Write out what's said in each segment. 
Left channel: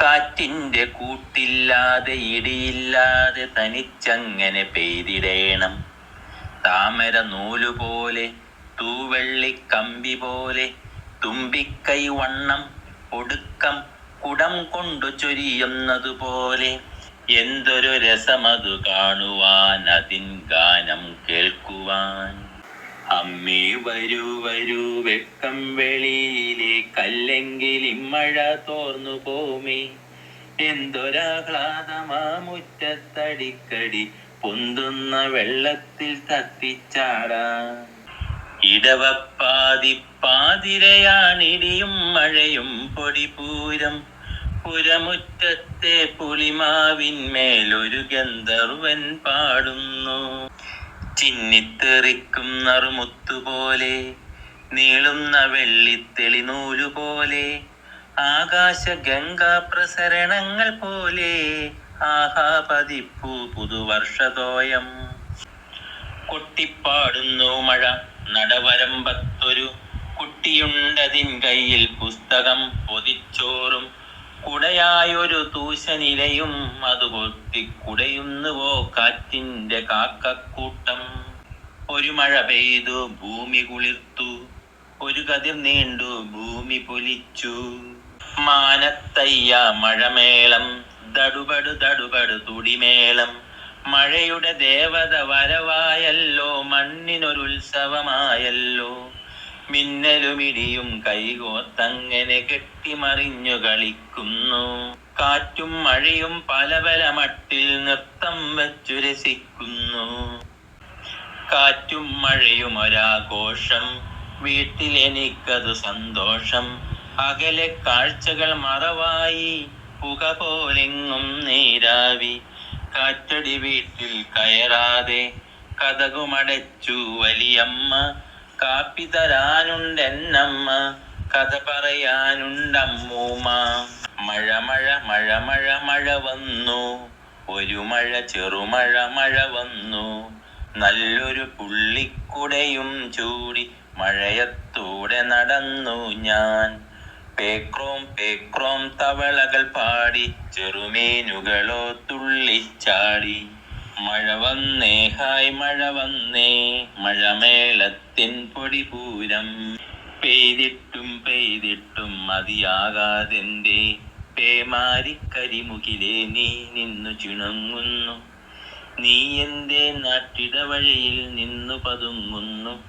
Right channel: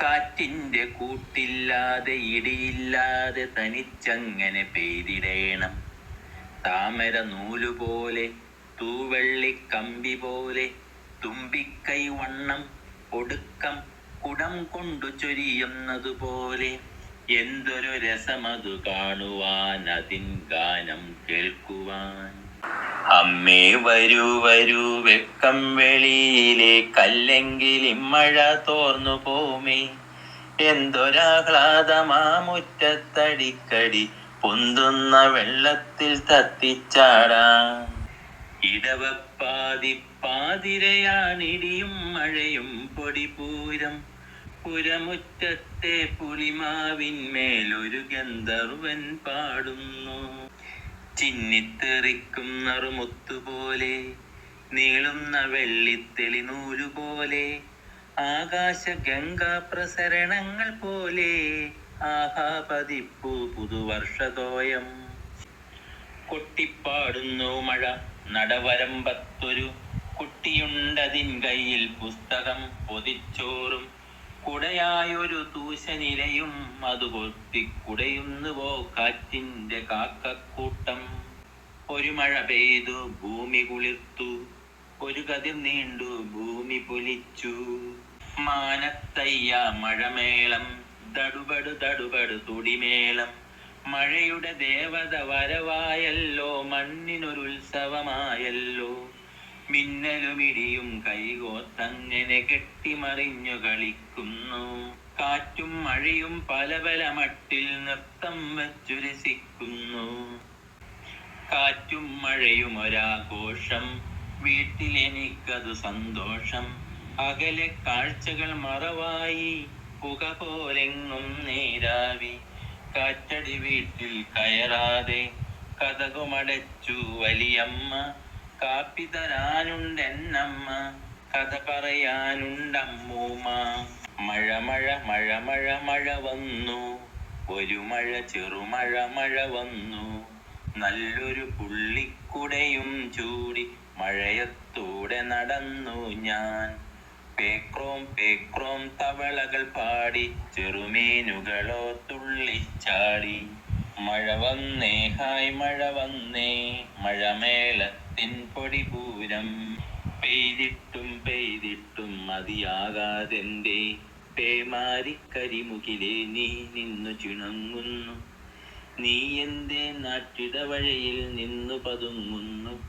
കാറ്റിന്റെ കൂട്ടില്ലാതെ ഇടിയില്ലാതെ തനിച്ചങ്ങനെ പെയ്തിടേണം. താമര നൂലുപോലെ തൂവെള്ളി കമ്പി പോലെ തുമ്പിക്കൈ വണ്ണം ഒടുക്കം കുടം കൊണ്ടു ചൊരിയുന്നതുപോലെ എന്തൊരു രസമതു കാണുവാൻ അതിൻ ഗാനം കേൾക്കുവാൻ. അമ്മേ വരൂ വരൂ വെക്കം വെളിയിലെ കല്ലെങ്കിൽ ഇമ്മഴ തോർന്നു പോമേ. എന്തൊരാഹ്ലാദമാ മുറ്റത്തടിക്കടി പൊന്തുന്ന വെള്ളത്തിൽ തത്തിച്ചാടാ. ഇടവപ്പാതി പാതിരയാണിടിയും മഴയും പൊടിപൂരം. പുരമുറ്റത്തെ പുളിമാവിന്മേലൊരു ഗന്ധർവൻ പാടുന്നു. ചിന്നിത്തെറിക്കും നറുമുത്തുപോലെ നീളുന്ന വെള്ളിത്തെളി നൂലുപോലെ ആകാശ ഗംഗാ പ്രസരണങ്ങൾ പോലെ ആഹാ പതിപ്പു പുതുവർഷതോയം. കൊട്ടിപ്പാടുന്നു മഴ നടവരമ്പത്തൊരു കുട്ടിയുണ്ടതിൻ കയ്യിൽ പുസ്തകം പൊതിച്ചോറും കുടയായൊരു തൂശനിലയും അത് പൊത്തിക്കുടയുന്നുവോ കാറ്റിന്റെ കാക്കക്കൂട്ടം. ഒരു മഴ പെയ്തു ഭൂമി കുളിർത്തു. ഒരു കതിർ നീണ്ടു ഭൂമി പൊലിച്ചു. മാനത്തയ്യ മഴമേളം ദടുപടു ദടുപടു തുടിമേളം. മഴയുടെ ദേവത വരവായല്ലോ മണ്ണിനൊരുത്സവമായല്ലോ. മിന്നലുമിടിയും കൈകോത്തങ്ങനെ കെട്ടിമറിഞ്ഞു കളിക്കുന്നു. കാറ്റും മഴയും പല പല മട്ടിൽ നൃത്തം വച്ചു രസിക്കുന്നു. കാറ്റും മഴയും ഒരാഘോഷം വീട്ടിൽ എനിക്കതു സന്തോഷം. അകലെ കാഴ്ചകൾ മറവായി പുക പോലെങ്ങും നീരാവി. കാറ്റടി വീട്ടിൽ കയറാതെ കഥകുമടച്ചു വലിയമ്മ കാപ്പി തരാനുണ്ടെന്നമ്മ കഥ പറയാനുണ്ടമ്മൂമ്മ. മഴ മഴ മഴ മഴ മഴ വന്നു. ഒരു മഴ ചെറുമഴ മഴ വന്നു. നല്ലൊരു പുള്ളിക്കുടയും ചൂടി മഴയത്തൂടെ നടന്നു ഞാൻ. പേക്രോം പേക്രോം തവളകൾ പാടി ചെറുമീനുകളോ തുള്ളിച്ചാടി. മഴ വന്നേ ഹായ് മഴ വന്നേ മഴമേളത്തിൻ പൊടിപൂരം. പെയ്തിട്ടും പെയ്തിട്ടും മതിയാകാതെന്റെ പേമാരിക്കരിമുഖിലെ നീ നിന്നു ചിണങ്ങുന്നു. നീ എന്റെ നാട്ടിടവഴയിൽ നിന്നു പതുങ്ങുന്നു.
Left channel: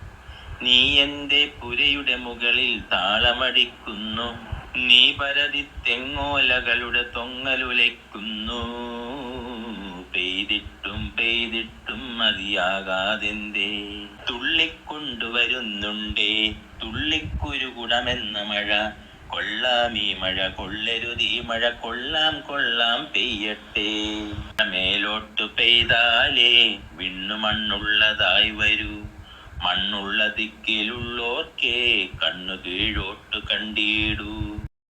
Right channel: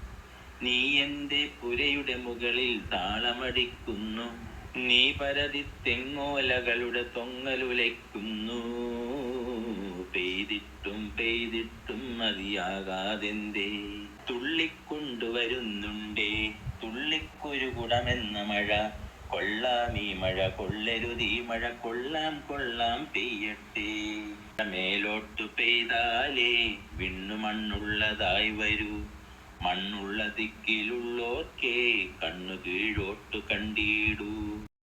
നീ എന്റെ പുരയുടെ മുകളിൽ താളമടിക്കുന്നു. നീ പരതി തെങ്ങോലകളുടെ തൊങ്ങലുലയ്ക്കുന്നു. മതിയാകാതെന്തേ? തുള്ളിക്കൊണ്ടുവരുന്നുണ്ടേ? തുള്ളിക്കൊരു കുടമെന്ന മഴ. കൊള്ളാം ഈ മഴ കൊള്ളരുതീ മഴ. കൊള്ളാം കൊള്ളാം പെയ്യട്ടെ. മേലോട്ടു പെയ്താലേ വിണ്ണു മണ്ണുള്ളതായി വരൂ. മണ്ണുള്ള ദിക്കിലുള്ളോർക്കേ കണ്ണു കീഴോട്ടു കണ്ടിടൂ.